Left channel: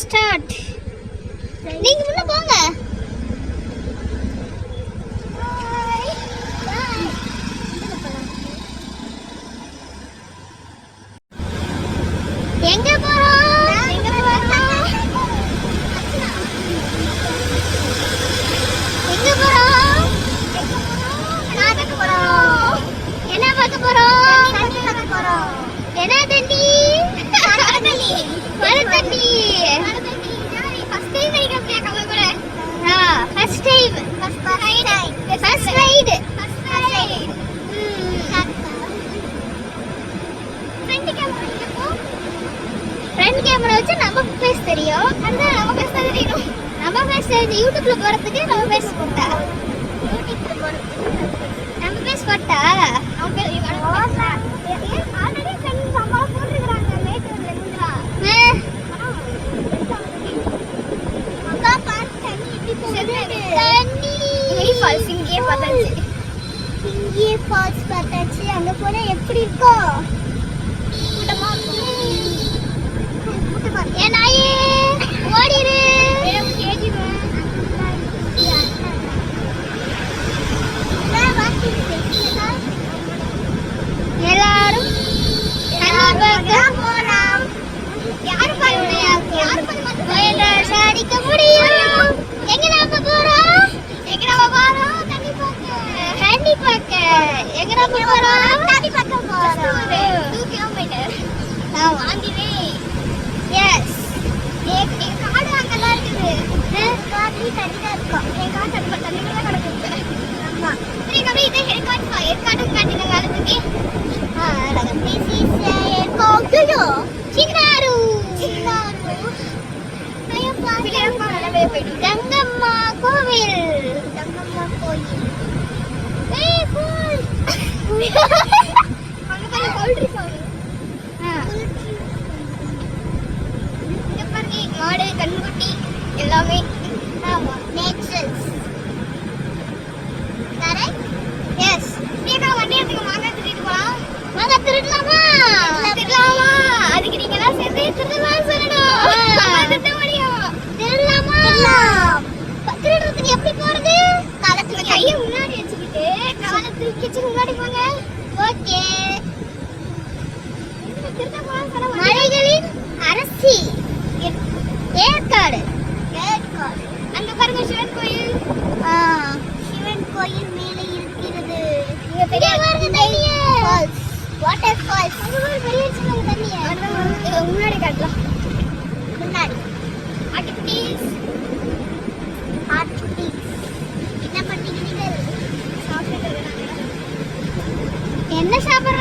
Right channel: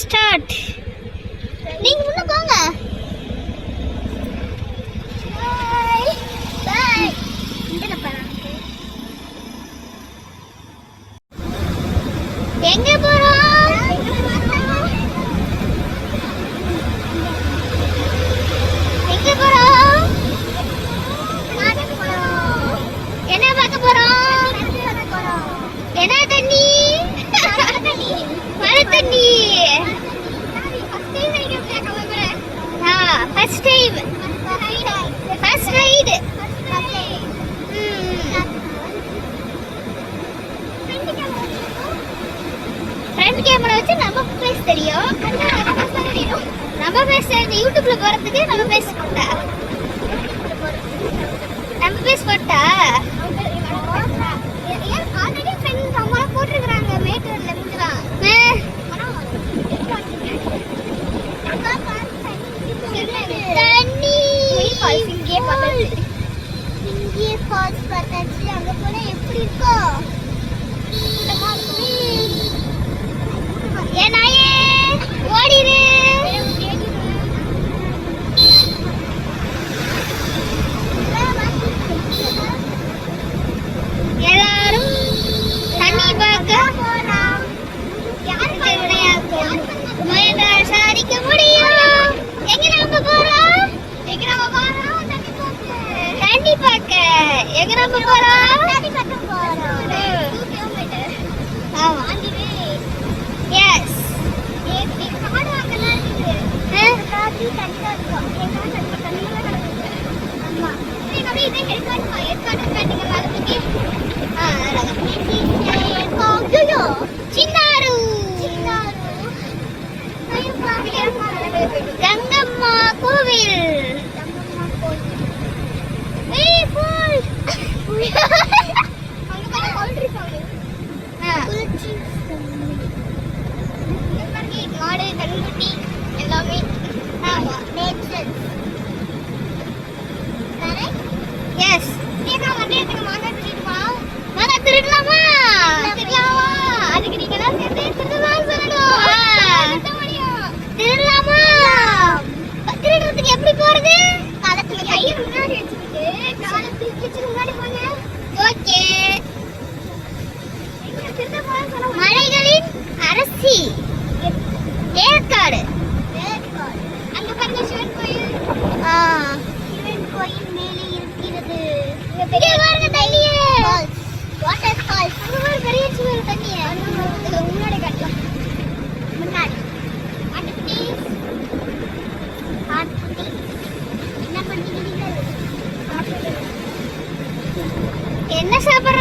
Start நீங்க முன்ன போங்க. தண்ணி. First time first ride front camera வச்சு நம்ம ஃபேஸ் தெரியும். நம்ம ஃபேஸ் இந்த யூடியூப்ல போறதுக்கு நம்ம ஃபேஸ் போட்டா. நம்ம ஃபேஸ் போட்டா? இங்கே பத்தாச்சு இங்கே ஃபால்ஸ் பத்தாச்சு அங்க போனா எப்படி இருக்கோ? எல்லாரும் தண்ணி பார்க்க போறோம் யார் பண்ணுடைய முடியும். তুই কিছু என்ன சாப்பாடு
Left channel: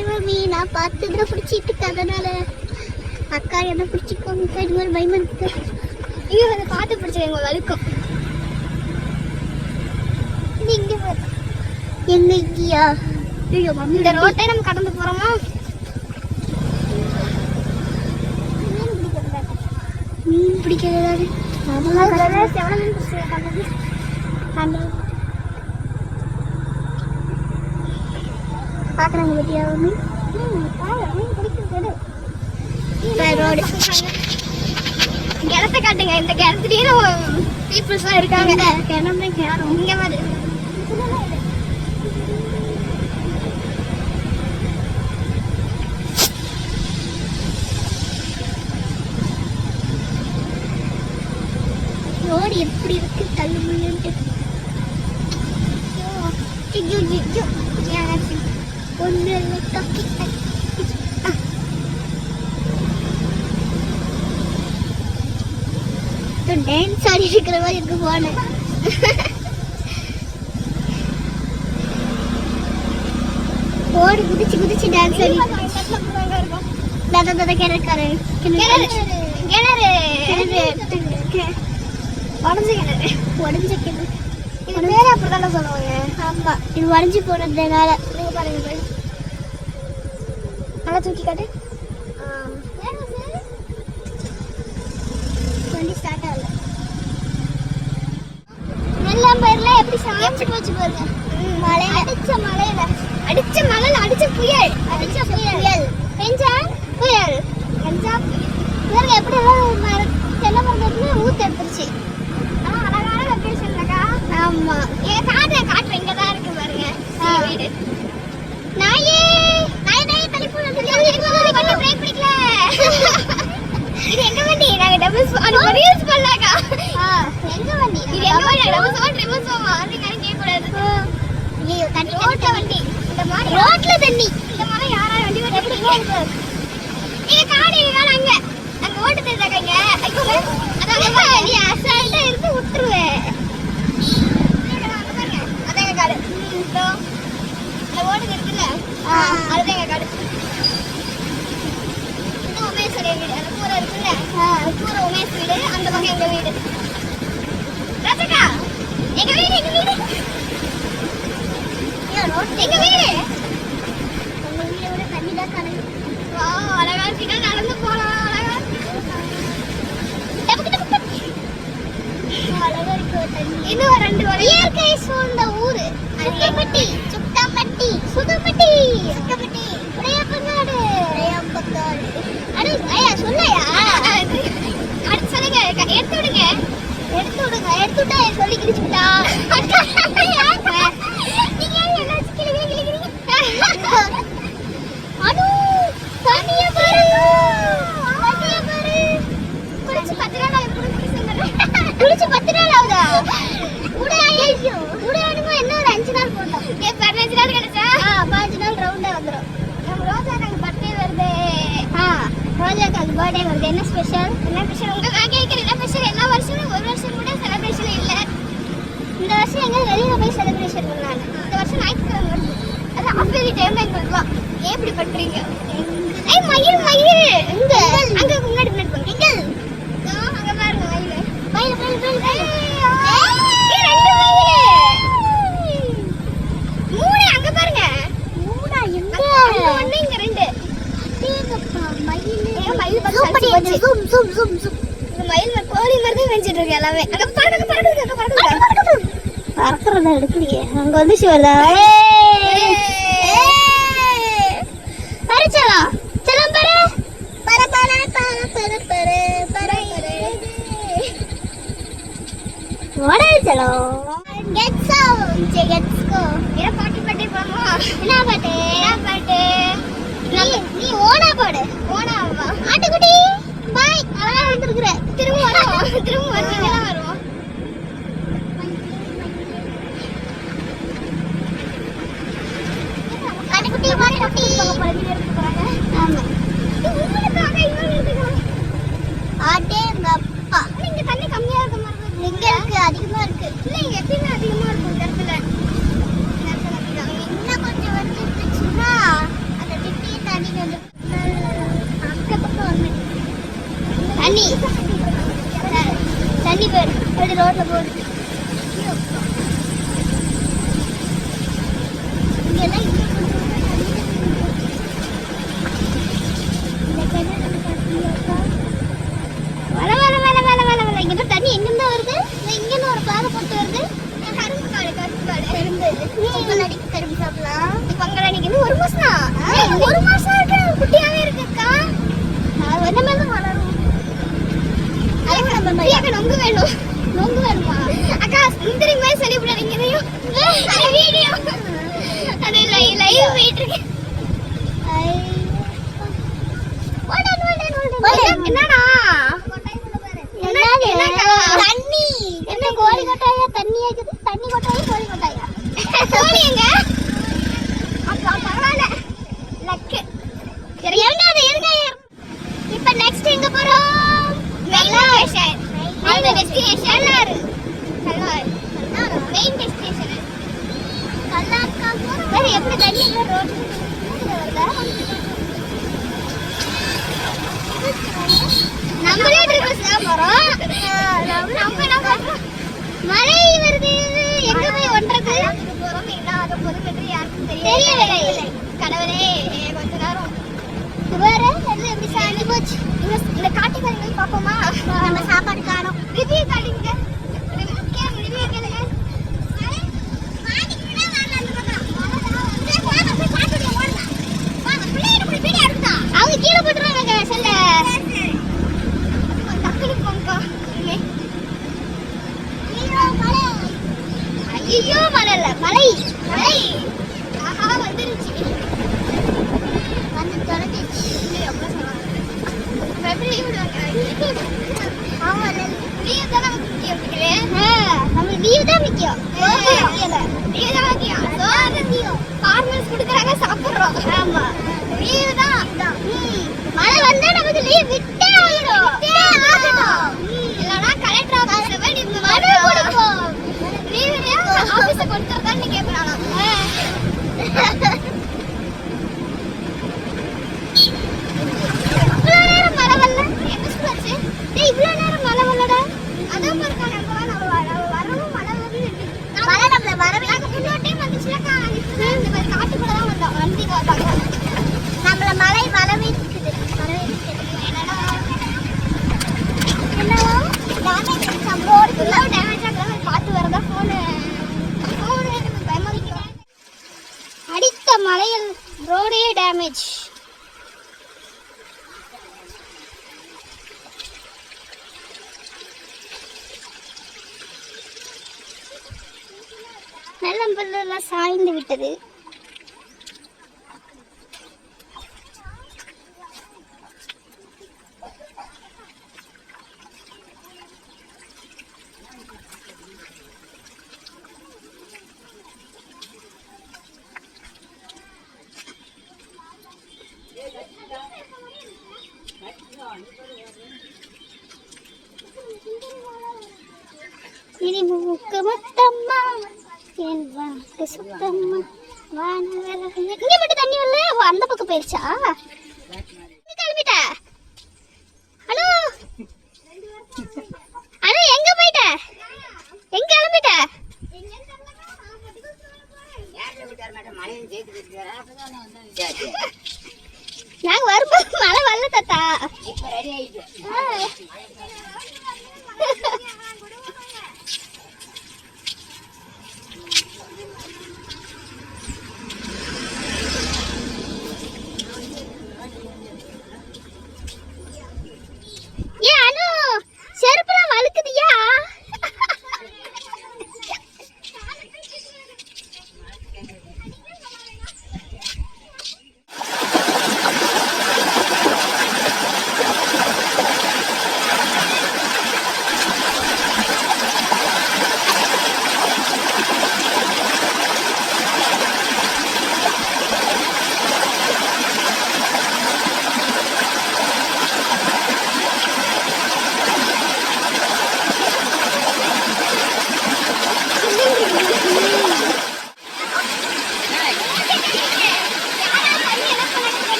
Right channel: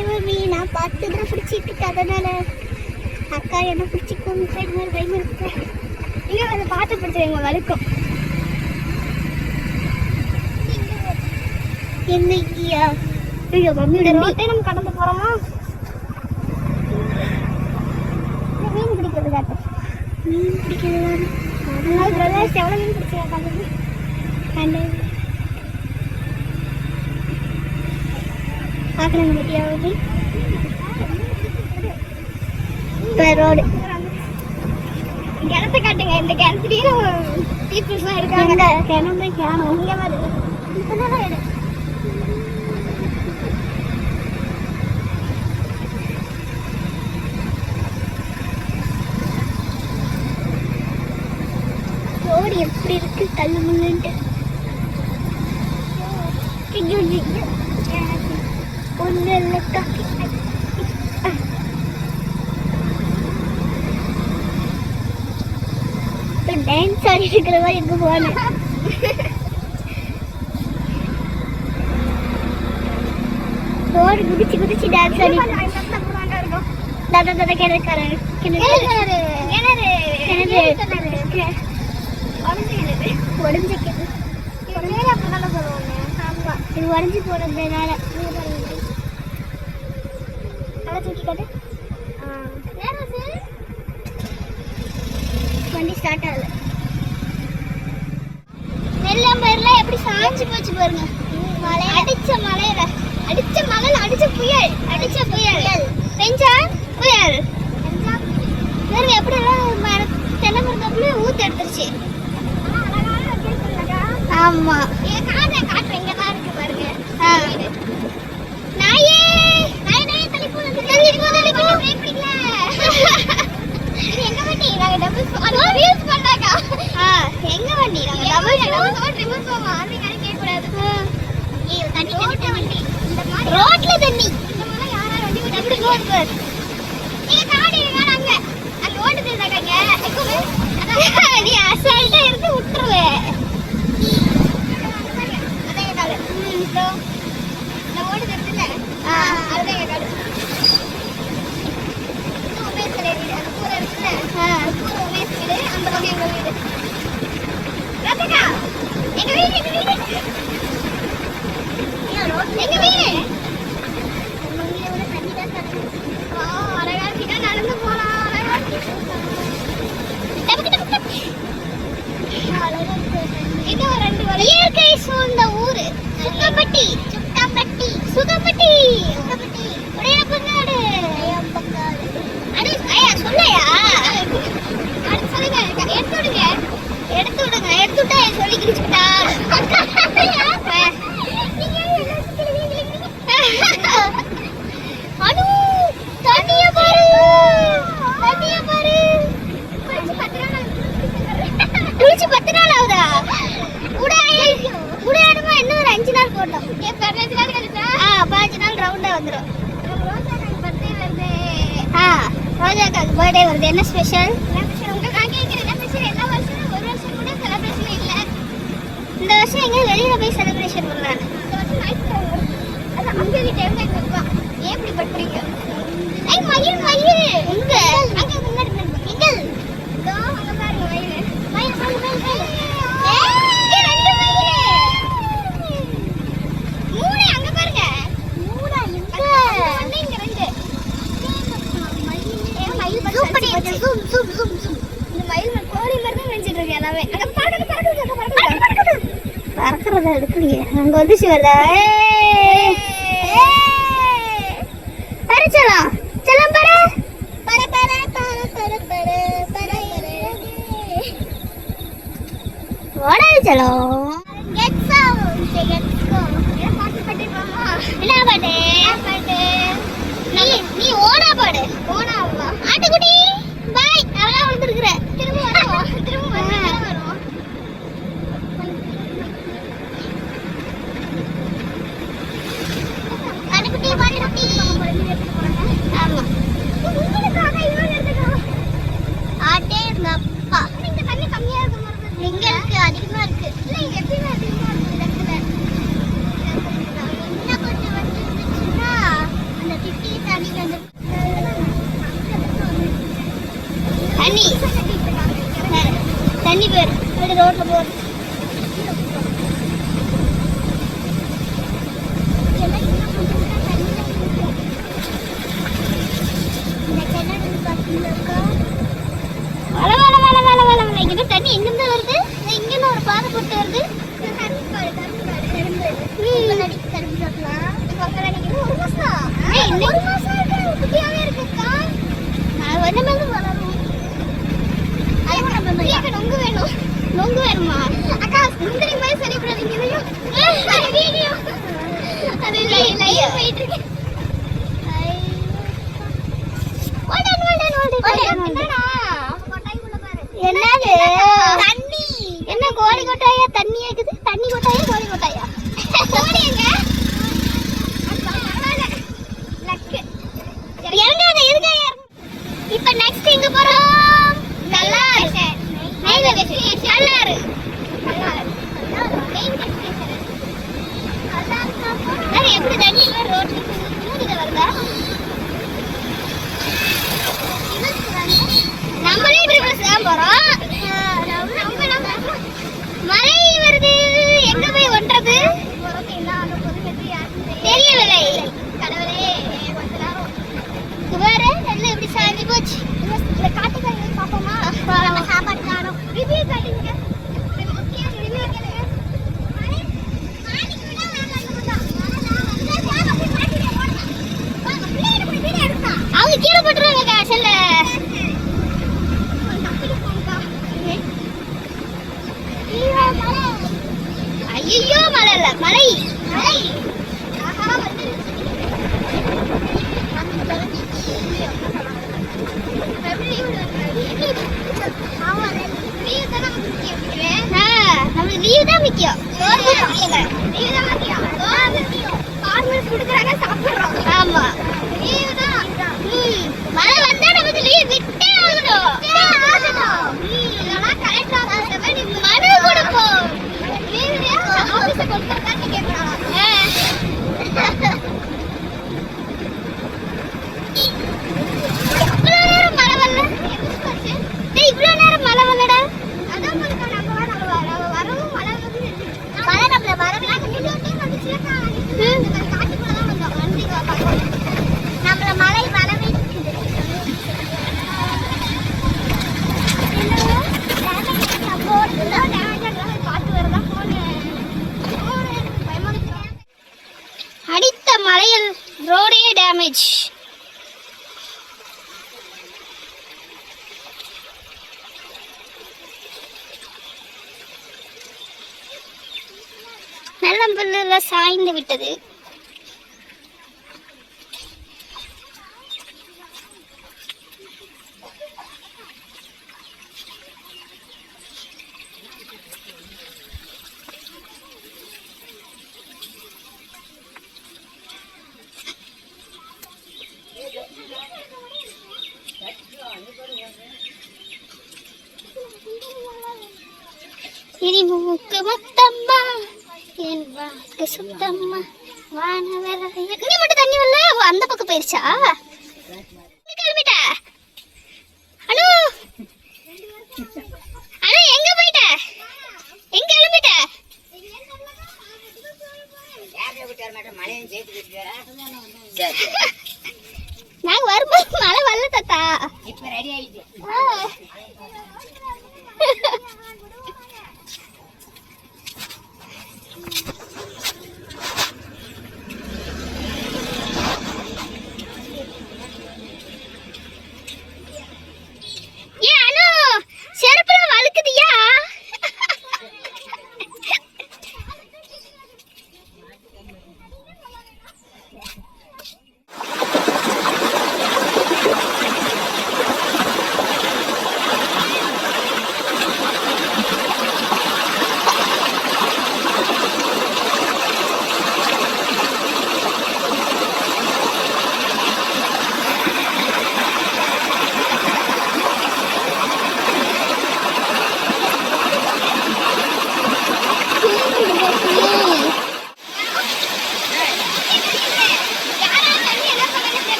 தெய்வமே பார்த்து பிடிச்சிட்டு இருக்கேன் அதனால அக்கா என்ன பிடிச்சிக்கோங்க இது இருக்கு. ஐயோ அதை பார்த்து பிடிச்சது எங்க வழுக்கம். என்னைக்கியா? ஐயோ இந்த ரோட்டை நம்ம கடந்து போறோமா? மீன் பிடிக்கிறது மீன் பிடிக்கிறது அதெல்லாம் செவல மீன் பிடிச்சிருக்காங்க கண்டது பார்க்கலாங்க பத்தியா? Main road. கிணத்தை காட்டுங்க. இந்த கிணத்துலயே நம்ம பீப்புள்ஸ்லாம் இருக்காங்க. கிணமே கிணம். இங்க. ரோடு எப்படி இருக்கு? தள்ளு முள்ளுன்ட்டு ஆடி இருக்கிற மாதிரி இருக்கு போன ரோடு குதிச்சு குதிச்சு டான்ஸ் ஆடி. தாத்தா தாத்தா கிணறு கிணறு கிணறு கிணறு. உடஞ்ச கிணறு. உடஞ்ச கிணறு. இது அப்படிதான் சொல்லுவாங்க? ஆமா. இது உடஞ்சி போனதுனால நீங்க பாருங்க. நல்லா தூக்கி காட்டு. வண்டி ஸ்டார்ட் ஆகல. நெல்லம்பயிர்ல எப்படி சாய்ச்சி போச்சு பாருங்க. மழை. அடிச்ச மழையில. அடிச்ச மழையில அடிச்ச புயல். அடிச்ச புயல். பெஞ்சா புயல். பெஞ்சா பாருங்க எப்படி எல்லாம் மர- தென்னை மரத்துல ஊத்து எடுத்துருச்சு. அழகான ஆமா. என் காட்டு காட்டுறேன் இங்கே தான் அது பர்த்டே வருது. என்ன ஸ்பெஷல் என்ன ஸ்பெஷல் உங்கள் நான் கேட்குறேன் என்ன ஸ்பெஷல் எல்லா வருஷமும் ஒரு வருஷம் கூட செலிப்ரேஷன் இல்லை. இந்த வருஷம் எங்கே வெளியில் போய் செலிப்ரேஷன் பண்ணலாம். இந்த வருஷம் ஞாயிற்றுக்கிழமை வருது. அது ஆஃபீலி டைம்ல இருக்கலாம் ஏன் இப்படி பண்ணுறீங்க ஏய் மயில் மயில்! எங்க? அங்கே முன்னாடி முன்னாடி போங்க எங்க இதோ பாருங்க மயில். மயில் மயில் மயில் மயில் ஏய் ரெண்டு மயில் மூணு அங்க பாருங்க மூணா எங்க அங்க ஒண்ணு இங்க ரெண்டு ஜூம் ஜூம் ஜூம் ஜூம் இந்த மயில் கோழி மாதிரி தான் இருக்கு எல்லாமே. அங்க பறக்குது பறக்குறத எடுக்கிறீங்க? அங்க வந்து வருதா பறிச்சலா செல்லம் பர. பர பர பர பர பர பர ஓடல் செலோ கெட்ஸ் அவுட் கெட்ஸ் கோ பாட்டு பாட்டு போமா? என்ன பாட்டு? பாட்டு? நீ நீ ஓடா பாடு. ஓடாவா ஆட்டுக்குட்டி. நல்லா வந்துருக்குற திரும்ப Hadi doğru da bu. நம்மளே ட்ரிபிள் சேம் வரோம் மழை வருது. எங்க போய் ஒன்றது தெரியவில்லை. கடவுளே கொஞ்ச நேரம். வேற இப்படி சாய்ந்து போச்சு. இந்த காட்டி காட்டிக்காரங்களை பார்ப்போமா? நம்ம காரம் விதியை காட்டுங்க. Emma. Mira, mira. சாய்ந்து விட்டது Jadi buku ke mak சுத்தம்மா வானவர் இங்கே மட்டும் தண்ணி வரல? அந்த பக்கம் போயிருச்சா? கிளம்பிட்ட? ஹலோ அனு எங்க போயிட்ட? எங்க கிளம்பிட்ட? மழையும் சேர்த்து